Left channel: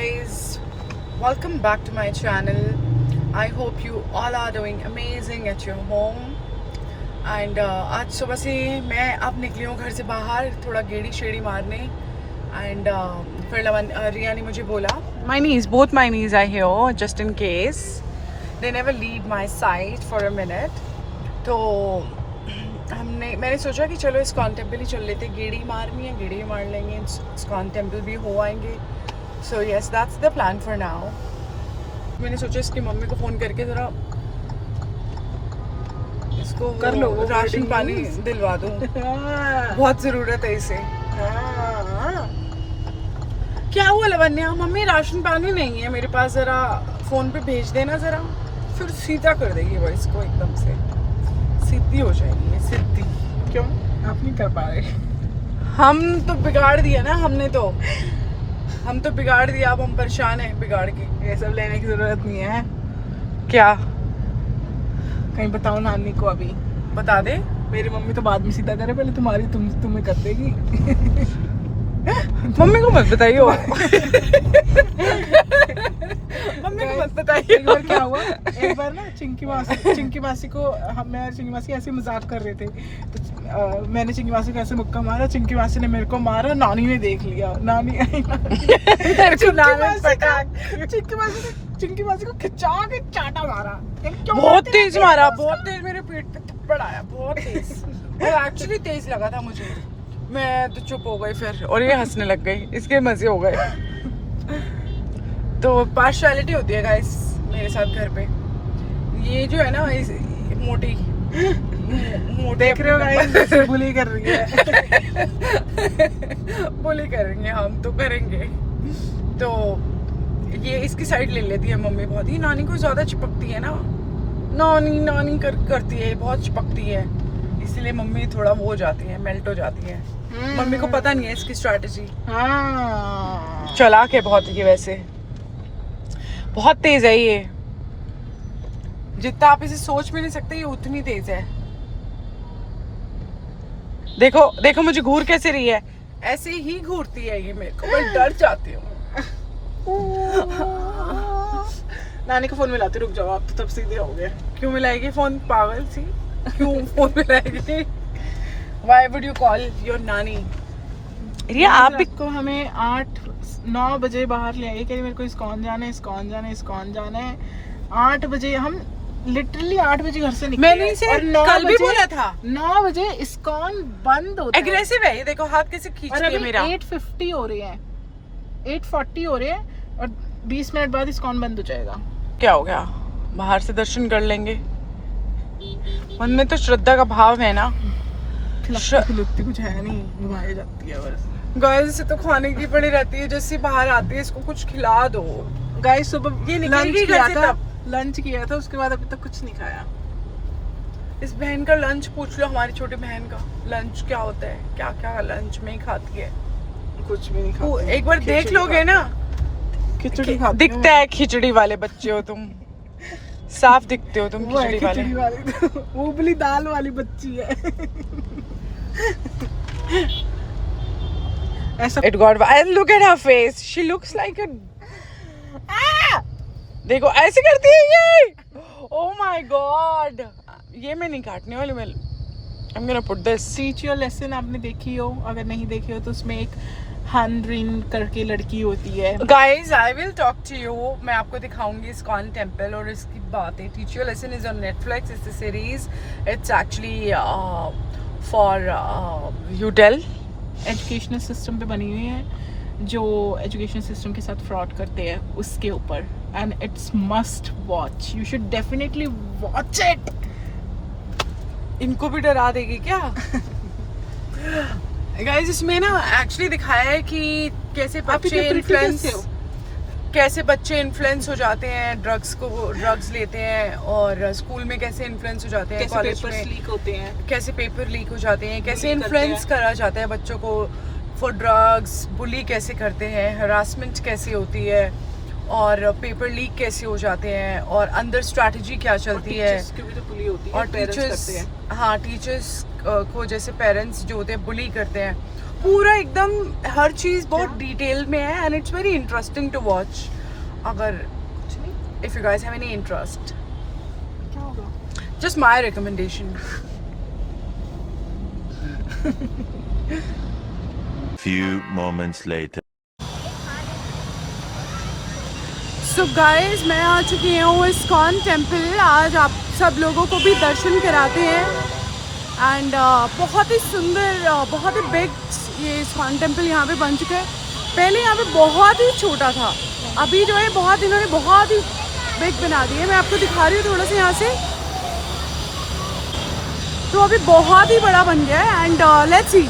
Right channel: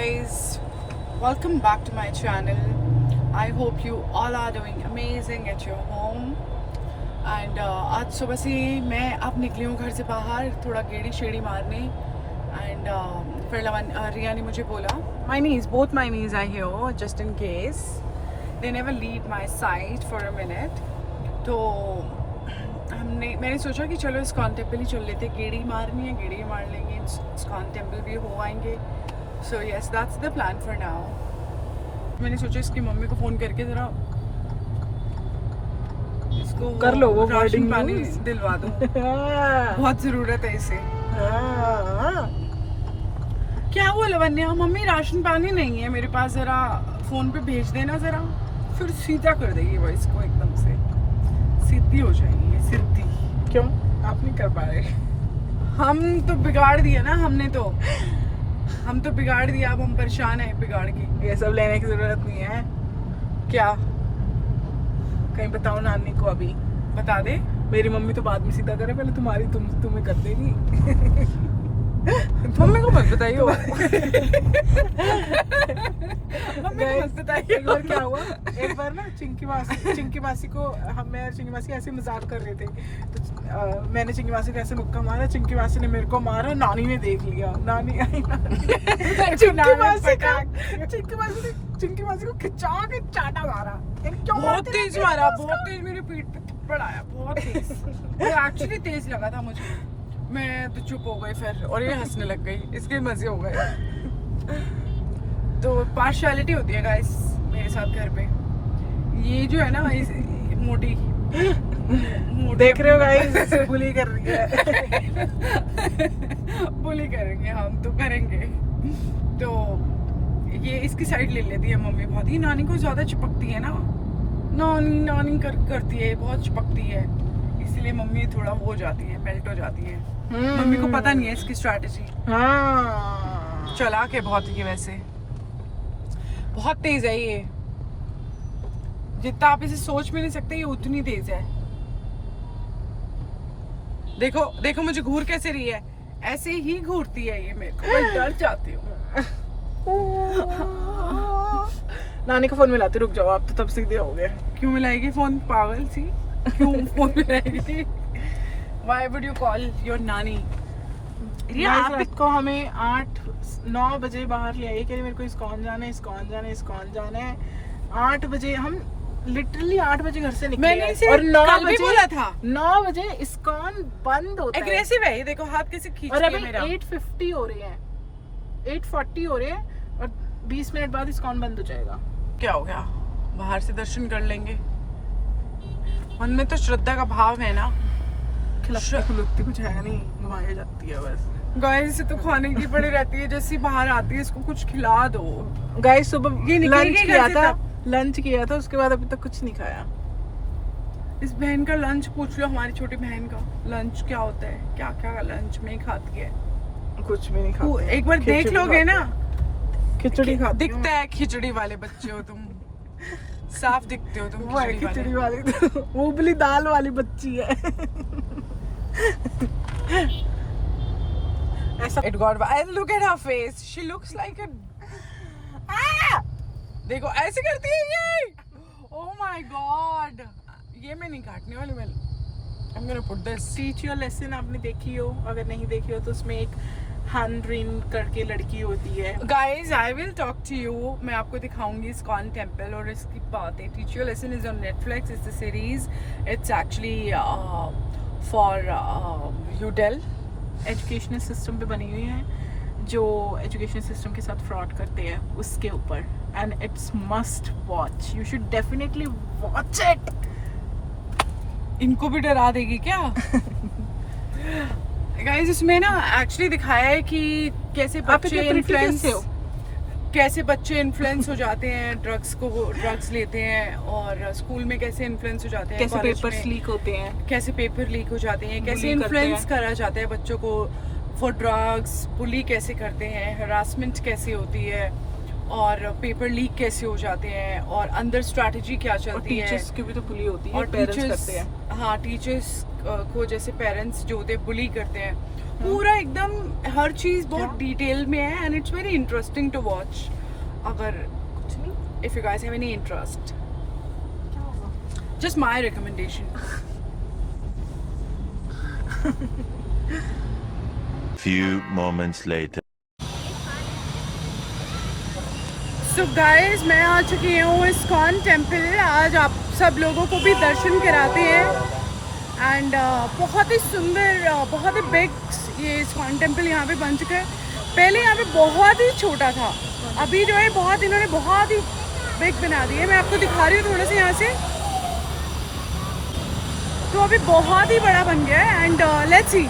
guys, welcome back to my channel. I hope you all are doing amazing at your home. And आज सुबह से मैं अब निकली हूँ घर से बाहर थोड़ा गेड़ी शेड़ी मारने. And फिर रिया ने मुझे बोला both my knees are here just in case they never leave my side for a minute. तो मैंने सोचा कि चलो इस्कॉन टेम्पल ही चल लेते. गेड़ी मारनी है, गेड़ी मार लेंगे, इस्कॉन टेम्पल भी हो आएंगे. So yes, that's the plan for now. मैंने सोचा इसकी मम्मी को फ़ोन करके ज़रा इसको कर लो वो राशन पानी दिलवा दो. बहुत ज़रूरत है इसे. क्या हुआ लवन्या? मम्मी राशन पानी नहीं है मेरे पास, ज़रा फ़ोन पे भेज देना ज़रा. फिर सीधा कर देगी वो इसको, एकदम से सीधी हो जाएगी ये, सीधी. क्यों आप नहीं कर पा रहे? हम तो बिगाड़ दिया ना, हम तो बिगाड़ दिया. अब हम परेशान हैं बिगाड़ के. ये सब लेने की जरूरत नहीं है. क्या कहीं बताओ नानी को. अभी बता दे. मेरी मम्मी तो बाद में सीधा करे, पहले तुम्हें कर देगी. मम्मी को मत बताइए. मम्मी को मत बताइए. एक बार क्या हुआ, एक बार ना चिंकी मासी को मैं और चिंकी मासी ऐसे मजाक कर रहे थे. तो मैंने चिंकी मासी को ऐसे मुक्का मारा, चिंकी मासी ने मेरे को मारा, नानी ने देख लिया. चिंकी मासी को खिंचा के चाटा मारा. बहुत तेज मारा, बहुत तेज. मेरे पीठ पे थप्पड़ आया, बहुत तेज. और एक्चुअली तेज लगा था मुझे. मैं तो चुप हो गई फिर, और ये हंसने लग गई. इसके मजे हो गए. तो पार्शियलिटी होती है गाइस मेरे साथ घर पे. ये जो है ना मोटी देख रहे हो गाइस, बुली कर रही है. बुली करेंगे हम तो करेंगे. तो ये इसकी साइड ले लेती है मम्मी बहुत ही. नानी को ज्यादा चिपकती है ना, नानी करती है, बहुत चिपकती है. इसलिए मम्मी थोड़ा वो हो जाती है, मेल्ट हो जाती है. मम्मी को पता नहीं है इसकी स्ट्रैटेजी. चालाक है बहुत ये. वैसे बहुत तेज है ये. जितना आप इसे सोच भी नहीं सकते, ये उतनी तेज है. देखो मुझे घूर कैसे रही है. ऐसे ही घूरती है ये मेरे को. मैं डर जाती हूँ. नानी को फोन मिलाते, रुक जाओ आप तो तब सीधे हो गए. क्यों मिलाएगी फोन, पागल सी? क्यों phone मिलाएगी? Why would you call your नानी? रिया आप को हमें 8-9 बजे बाहर ले आइए. मेरे को इस्कॉन जाना है. 8 बजे हम लिटरली 8 बजे घर से निकले. मैंने इसे कल भी बोला था. 9 बजे इस्कॉन बंद होता है. एग्रेसिव है ये. देखो हाथ कैसे खींच रही है मेरा. 8:50 हो रहे हैं, 8:40 हो रहे हैं और 20 मिनट बाद इस्कॉन बंद हो जाएगा. क्या हो गया, बाहर से दर्शन कर लेंगे. मन में तो श्रद्धा का भाव है ना. खिलती कुछ है नहीं, घुमाई जाती है बस. गाइस इसे तो खाने की पड़ी रहती है. जैसे बाहर आती है इसको कुछ खिला दो. गाइस सुबह ये निकलेगी घर से तब. लंच किया था, उसके बाद अभी तक कुछ नहीं खाया. इस बहन का लंच पूछ लो, हमारी छोटी बहन का लंच क्या होता है, क्या क्या लंच में खाती है. कुछ भी नहीं खाती. एक बार देख लोगे ना, खिचड़ी खाती. दिखता है खिचड़ी वाले बच्चे हो तुम. साफ दिखते हो तुम खिचड़ी वाले. उबली दाल वाली बच्ची है. ऐसा It got wild. Look at her face. She looks like a. देखो ऐसे करती है ये. Oh my God. ये मैं नहीं काटने वाली. मैं I'm gonna put this. Teach your lesson आपने देखी हो, अगर नहीं देखी हो तो उसमें एक हानरिन करके लड़की होती है. Guys, I will talk to you. मैं आपको दिखाऊंगी इस्कॉन टेम्पल और इसकी बातें. Teach your lesson is on Netflix. It's a series. It's actually for UDEL. Educational system पे बनी हुई है, जो एजुकेशन सिस्टम के साथ फ्रॉड करते हैं उसके ऊपर. And it's must watch. You should definitely watch it. इनको भी डरा देगी क्या? गाइस इसमें ना एक्चुअली दिखाया है कि कैसे बच्चे इन्फ्लुएंस हो जाते हैं, ड्रग्स लेते हैं, और स्कूल में कैसे इन्फ्लुएंस हो जाते हैं, कॉलेज में लीक होते हैं, कैसे पेपर लीक हो जाते हैं, कैसे इन्फ्लुएंस करा जाता है बच्चों को फॉर ड्रग्स, बुली कैसे करते हैं, हरासमेंट कैसे होती है, और पेपर लीक कैसे हो जाते हैं, और अंदर स्ट्रैटेजी क्या चलती है. और टीचर्स को जैसे पेरेंट्स जो होते हैं बुली करते हैं. पूरा एकदम हर चीज़ बहुत डिटेल में है and it's very interesting to watch. अगर if you guys have any interest, just my recommendation. Few moments later. So guys, मैं आ चुकी हूँ इस्कॉन टेम्पल. आज आप सब लोगों को भी दर्शन कराते हैं एंड बहुत ही सुंदर, बहुत ही बिग ये इस्कॉन टेम्पल यहाँ पे बन चुका है. पहले यहाँ पे बहुत ही छोटा था, अभी जो है बहुत इन्होंने बहुत ही बिग बना दिया है. मैं आपको दिखा रही हूँ थोड़ा सा यहाँ से. तो अभी बहुत ही बड़ा बन गया है एंड लेट्स सी.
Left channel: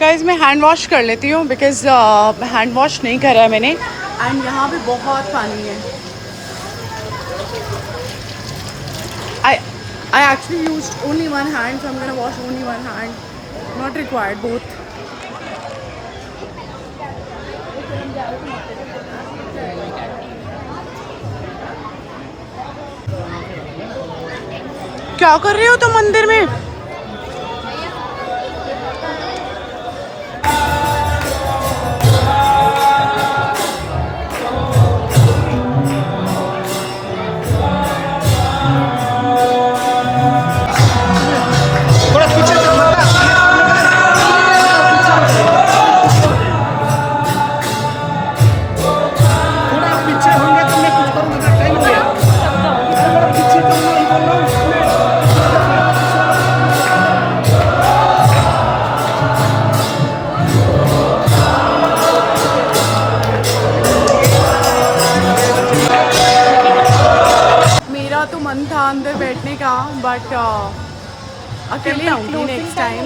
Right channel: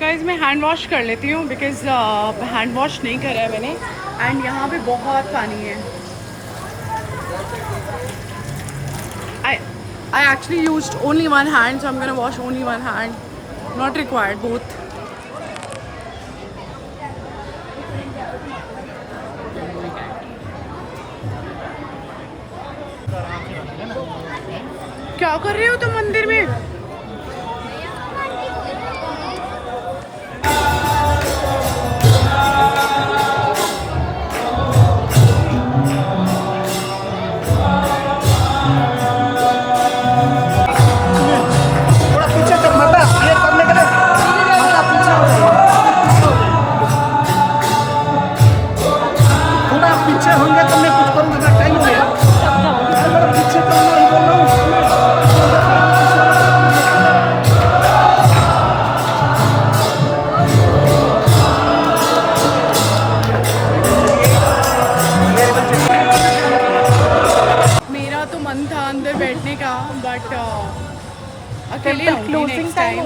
गाइस, मैं हैंड वॉश कर लेती हूँ बिकॉज हैंड वॉश नहीं करा है मैंने एंड यहाँ पे बहुत पानी है. I actually used only one hand, so I'm gonna wash only one hand. Not required both. क्या कर रहे हो तुम मंदिर में? तो मन था अंदर बैठने का बट अकेले आऊँगी next time.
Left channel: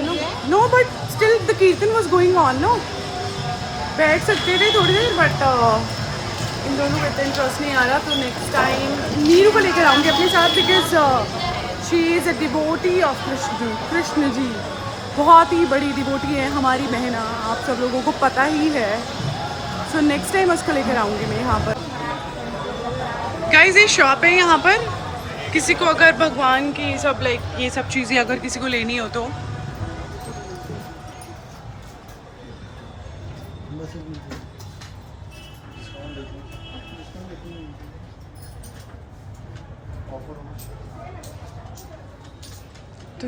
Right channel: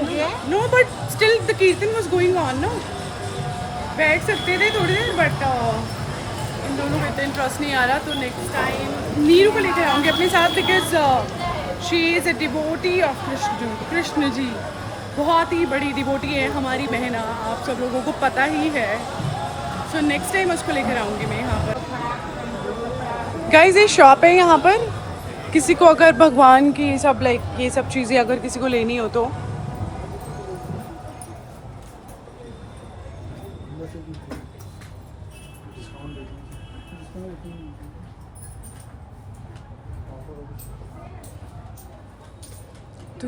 No but still the kirtan was going on. No बैठ सकते थे थोड़ी देर बट इन दोनों को इतना इंटरेस्ट नहीं आ रहा. तो नेक्स्ट टाइम नीरू को लेकर आऊँगी अपने साथ because she is a devotee of Krishna ji. बहुत ही बड़ी डिवोटी है हमारी बहना, आप सब लोगों को पता ही है. सो नेक्स्ट टाइम उसको लेकर आऊँगी मैं यहाँ पर. गाइस, ये शॉप है यहाँ पर. किसी को अगर भगवान की सब लाइक ये सब चीज़ें अगर किसी को लेनी हो तो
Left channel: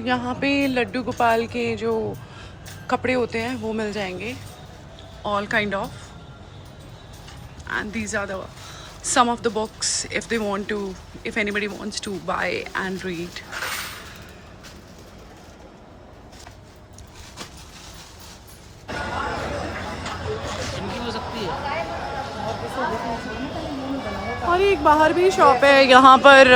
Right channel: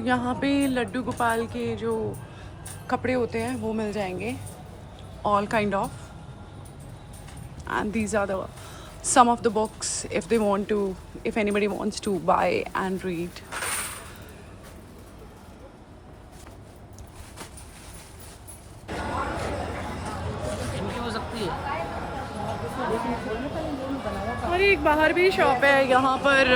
यहाँ पे लड्डू गोपाल के जो कपड़े होते हैं वो मिल जाएंगे. All kind of. And these are the some of the books if anybody wants to buy and read. और एक बाहर भी शॉप है यहाँ पर.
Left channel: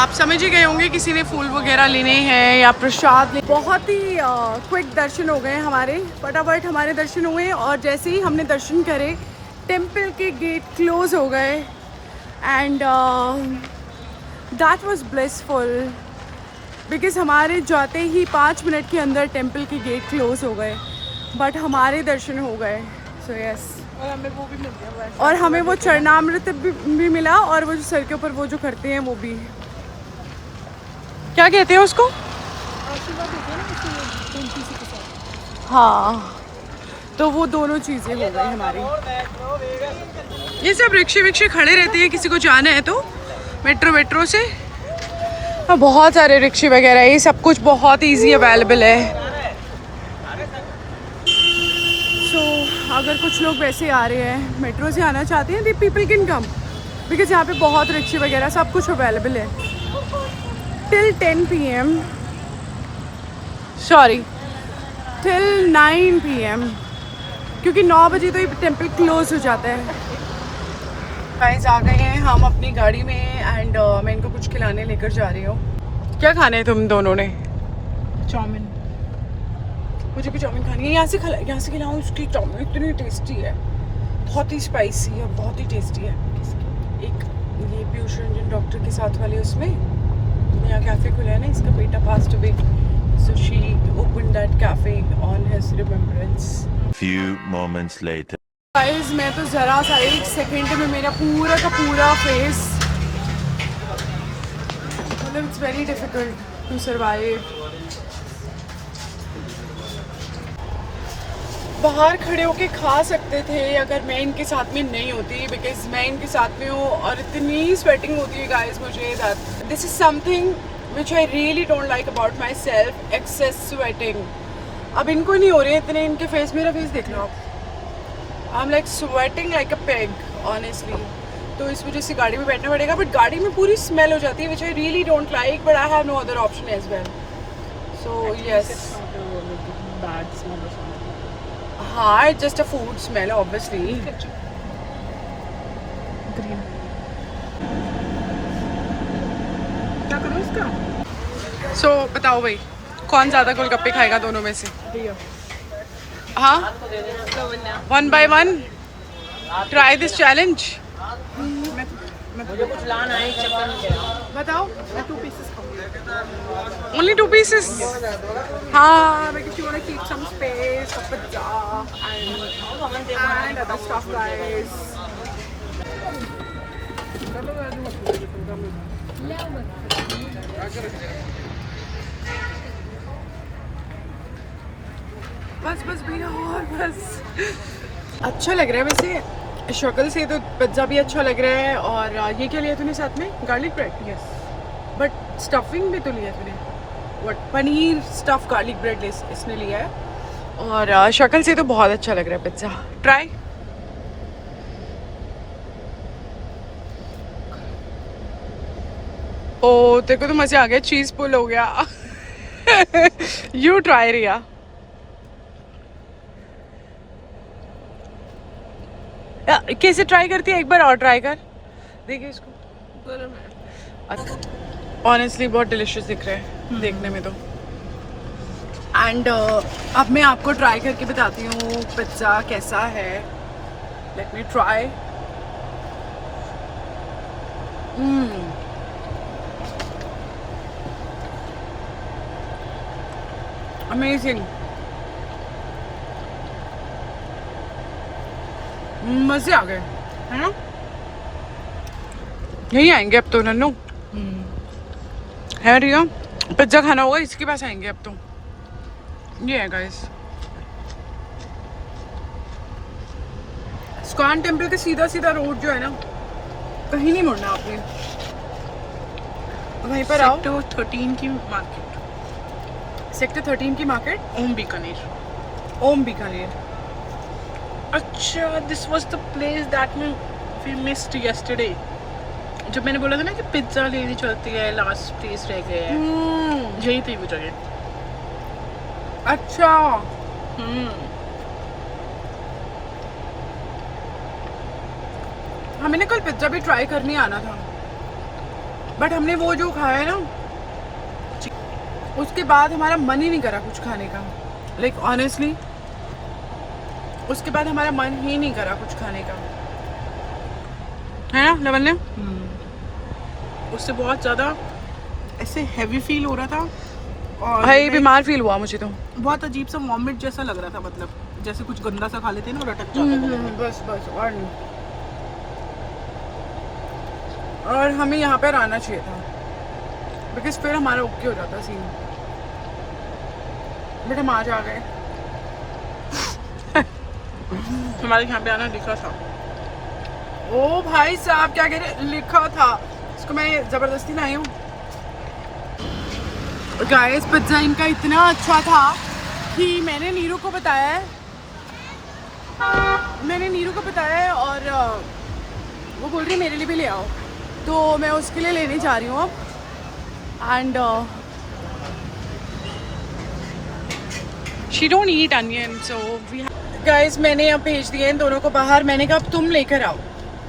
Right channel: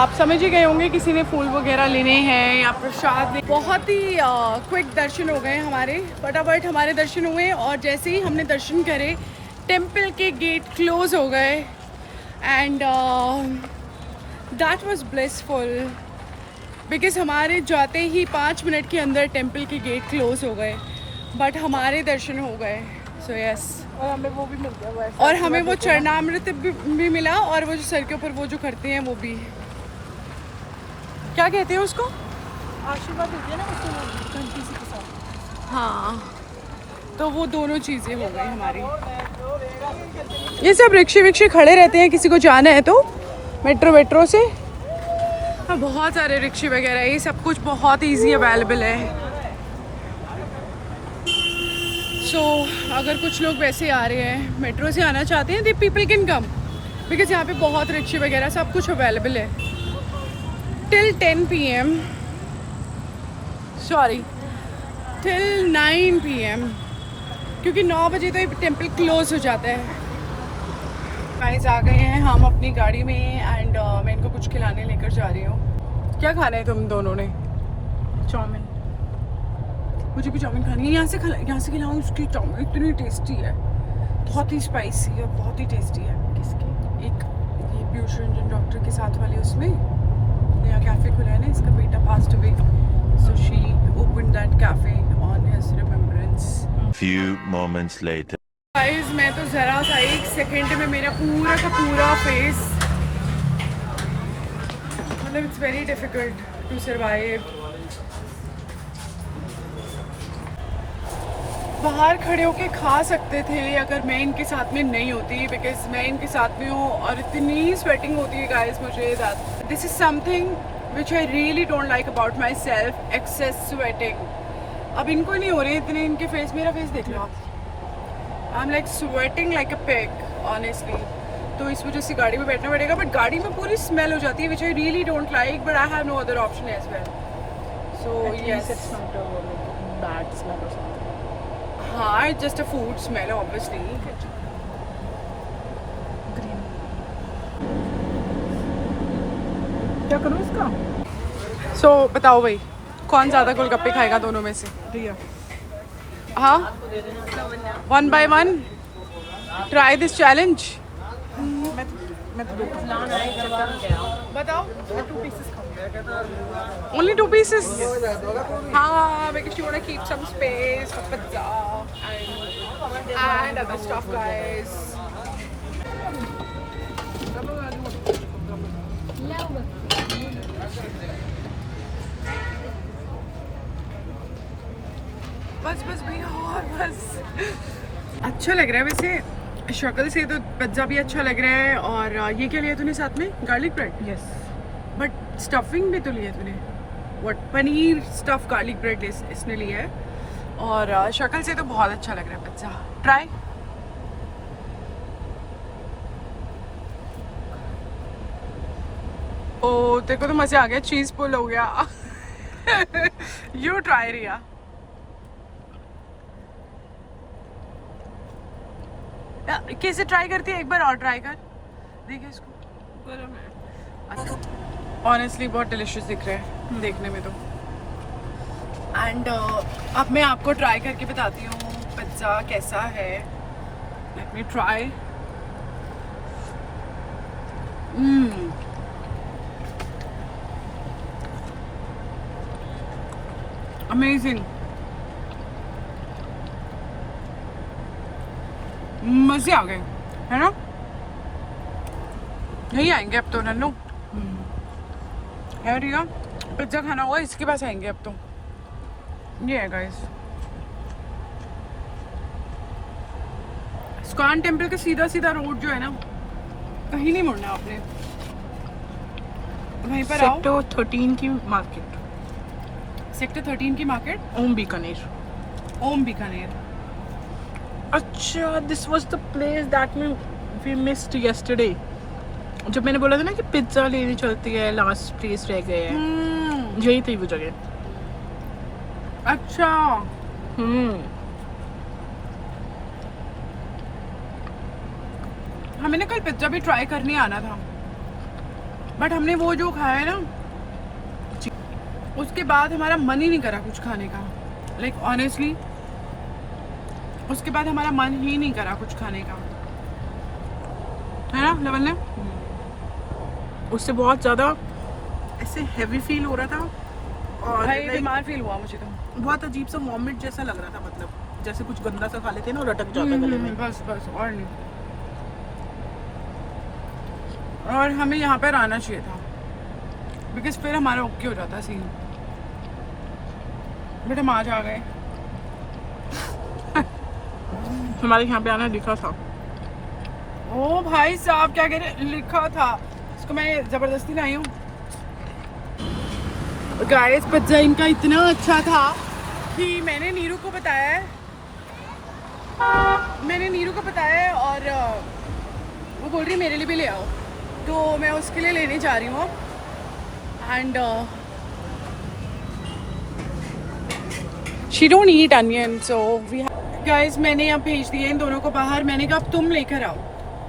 आप समझ ही गए होंगे किसी ने फूल वगैरह लेने हैं या प्रसाद. बहुत ही क्विक दर्शन हो गए हमारे. फटाफट हमारे दर्शन हुए और जैसे ही हमने दर्शन करे टेम्पल के गेट क्लोज हो गए and that was blissful because हमारे जाते ही 5 मिनट के अंदर टेम्पल के गेट क्लोज हो गए बट हमारे दर्शन हो गए. सो यस, और हमें वो चरणामृत भी मिला और वो जो सर के ऊपर वो जो करते हैं वो भी, क्या कहते हैं उसको, आशीर्वाद देते हैं ना उसको घंटी के साथ. हाँ, तो वो दोनों चीज़ें हो गई हमारी. ये सब रिक्शे विक्शे खड़े रहते हैं किसी को जाना है तो मेट्रो से. हाँ, बहुत सारे रिक्शे वगैरह, ये सब कुछ बहुत इजी अवेलेबल है. सो अगर कुछ लोग वैसे आ रहे हैं मेट्रो से आना चाहते हैं, the people can come because यहाँ पे बहुत रिक्शे वगैरह सब कुछ अवेलेबल है till 10 PM. Sorry, till 9 PM क्योंकि 9 बजे तो ये टेम्पल क्लोज हो जाता है. गाइस, आ गए हैं हम अपनी गाड़ी में एंड मैं इनको कुछ खिलाने लेकर जा रही हूँ. क्या खाने हैं तुम दोनों ने? चाउमीन. मुझे भी चाउमीन खानी है. यहाँ से खिलाऊँ. उसकी चाउमीन इतनी टेस्टी है, बहुत ही स्पाइसी है, बहुत ही टेस्टी है. एक ये पीयूष रंजन डॉक्टर के साथ वाले उसमें नया कैफ़े खुला है ना, इसका बेटा passed away, so she open that cafe on his remembrance. Few moments later. Guys, मैं तो ज़रा सा 1 सेकेंड में मेरा पूरा का पूरा फेस मतलब it's very difficult to survive. बाहर खड़े होके खा सकते थे अगर मैं इनके साथ में नहीं होती, बिकॉज मैं इनके साथ में हूँ और इतनी स्वेटिंग होती है गाइस मुझे, that this is something which I really don't like about my self, excess sweating. अब इनको नहीं हो रही है इतने, इनके फेस, मेरा फेस देख लो आप, I am like sweating like a pig honestly. तो इस वजह से गाड़ी में बैठना पड़ेगा, बट गाड़ी में पूरी स्मेल हो जाती है which I really don't like, but I have no other option as well. So yes, हाँ, it's just a food smell obviously. Green क्या करूँ इसका? So बताओ भाई, कौन ज़्यादा गोलगप्पे खाएगा दोनों में से? भैया हाँ, 1 by 1 try this challenge. मैं बताओ। 2 pieces खाऊंगी। Only 2 pieces. हाँ, because you wanna keep some space for pizza and other stuff, guys. बस बस भैया, और बस। अच्छा लग रहा है वैसे, शक्ल से तो पिज्ज़ा भी अच्छा लग रहा है। और ये क्या लिया तूने साथ में? Garlic bread. Yes, but stuffing भी तो लिया तूने, what? Paneer stuff garlic bread इसने लिया है। और शक्ल से तो बहुत अच्छा लग रहा है पिज्ज़ा। ट्राई। ओ, तेरे को तो मज़े आ गया, चीज़ पुल हो गया। यू ट्राई रिया। कैसे ट्राई करती है? एक बार और ट्राई कर, देखिए इसको। गरम है। ऑनेस्टली बहुत डिलिशियस दिख रहा है देखने में तो। एंड अब मैं आपको ट्राई करके बताती हूँ पिज्ज़ा कैसा है। Let me try. अमेजिंग, मज़े आ गए, है ना? यहीं आएंगे अब तो नन्नू, है रिया? पिज्ज़ा खाना होगा इसके पास आएंगे अब तो। ये है गाइस, इस्कॉन टेम्पल के सीधा सीधा रोड जो है ना, कहीं नहीं मुड़ना आपने, वहीं पर आओ। सेक्टर 13 की मार्केट, सेक्टर 13 की मार्केट, ओम बीकानेर। ओम बीकानेर। अच्छा, this was the place that we missed yesterday. जब मैंने बोला था ना कि पिज्जा लेनी चलती है, लास्ट प्लेस रह गए हैं, यही थी वो जगह। अच्छा, हमें ना कल पिज्जा भी ट्राई करने आना था, बट हमने वो जो खाया है ना, उसके बाद हमारा मन ही नहीं करा कुछ खाने का। लाइक ऑनेस्टली, उसके बाद हमारा मन ही नहीं करा कुछ खाने का, है ना लवन्या? उससे बहुत ज़्यादा ऐसे हैवी फील हो रहा था और भाई बीमार फील हुआ मुझे तो। बहुत अजीब सा वॉमिट जैसा लग रहा था, मतलब जैसे कुछ गंदा सा खा लेते हैं ना, रटक जाता। बस बस, और नहीं। और हमें यहाँ पर आना चाहिए था, बिकॉज फिर हमारा ओके हो जाता सीन, बट हम आज आ गए। हमारे यहाँ पे आना लिखा था। ओ भाई साहब, क्या कह रहे? लिखा था, इसको मैं जबरदस्ती लाई हूँ। गाइस, पिज्जा इनका इतना अच्छा था कि मैंने नीरू को बताया है, और वो बोल रही है मेरे लिए भी ले आओ, तो मैं उसके लिए लेने जा रही हूँ अब। And she don't eat onion, so we guys, मैंने अब भेज दिए इन दोनों को बाहर। मैंने कहा अब तुम लेकर आओ,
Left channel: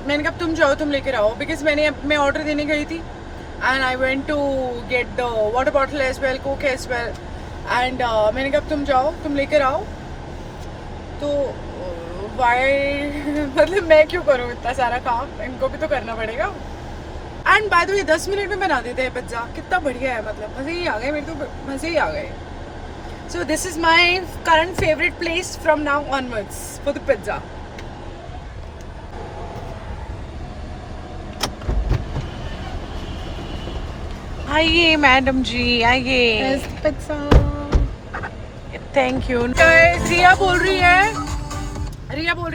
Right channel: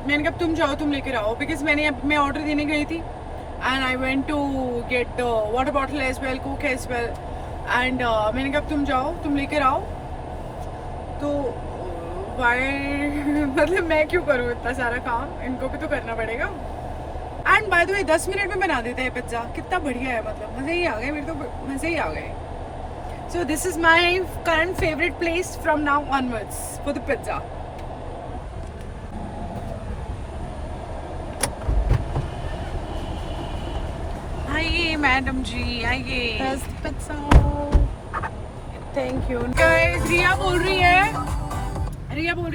मैंने कहा तुम जाओ, तुम लेकर आओ, बिकॉज मैं ऑर्डर देने गई थी and I went to get the water bottle as well, coke as well, and मैंने कहा तुम जाओ, तुम लेकर आओ। तो वाई मतलब मैं क्यों करूँ इतना सारा काम, इनको भी तो करना पड़ेगा। And by the way 10 minute में बना देते हैं पिज्ज़ा, कितना बढ़िया है, मतलब मज़े ही आ गए, मेरे तो मज़े ही आ गए। So this is my current favorite place from now onwards for the pizza. आइए मैडम जी, आइए। There's the pizza. Thank you guys. Riya बोल रही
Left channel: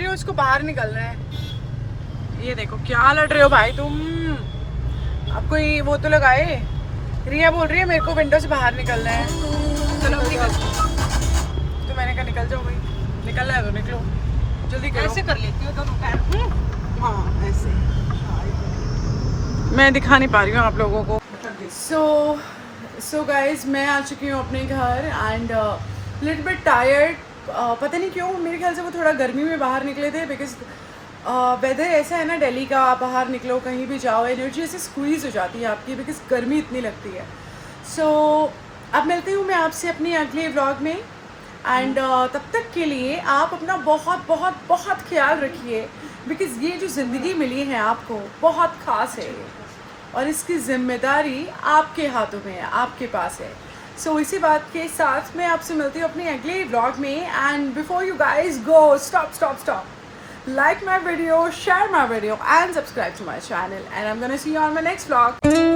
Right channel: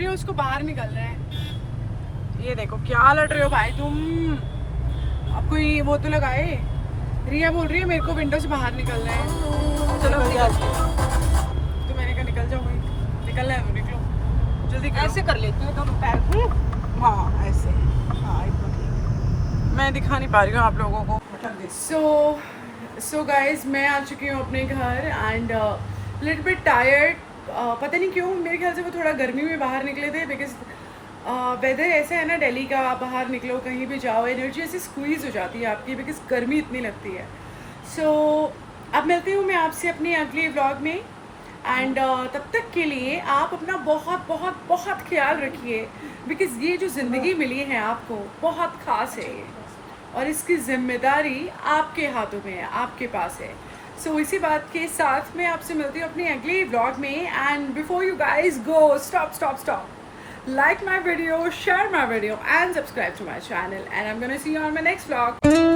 है उसको बाहर निकलना है। ये देखो क्या लड़ रहे हो भाई तुम, अब कोई वो तो लगाए। रिया बोल रही है मेरे को विंडो से बाहर निकलना है। चलो निकलते तो मैंने कहा निकल जाओ भाई, निकलना है तो निकलो, जल्दी करो। ऐसे कर लेती हूँ दोनों पैर। हाँ ऐसे, मैं दिखा नहीं पा रही हूँ आप लोगों को। सो गाइज मैं आ चुकी हूँ अपने घर एंड लिटिल बिट टायर्ड। पता नहीं क्यों, मेरे ख्याल से वो थोड़ा गर्मी में बाहर निकले थे, बिकॉज वेदर ऐसा है ना दिल्ली का, आप बाहर निकलो कहीं भी जाओ एनर्जी ऐसे स्क्वीज हो जाती है आपकी, बिकॉज गर्मी इतनी लगती है। सो अब मिलती हूँ मैं आपसे अपने अगले व्लॉग में एंड तब तक के लिए आप अपना बहुत बहुत बहुत ख्याल रखिए, बिकॉज ये जो ज़िंदगी मिली है आपको बहुत ख़ास है ये, और इसकी जिम्मेदारी आपके हाथों में है, आपके पास है। सो इसी बात के साथ मैं आपसे मिलती हूँ अपने अगले व्लॉग में। And before you guys go, stop, like my video, share my video and subscribe to my channel, and I'm gonna see you on my next vlog.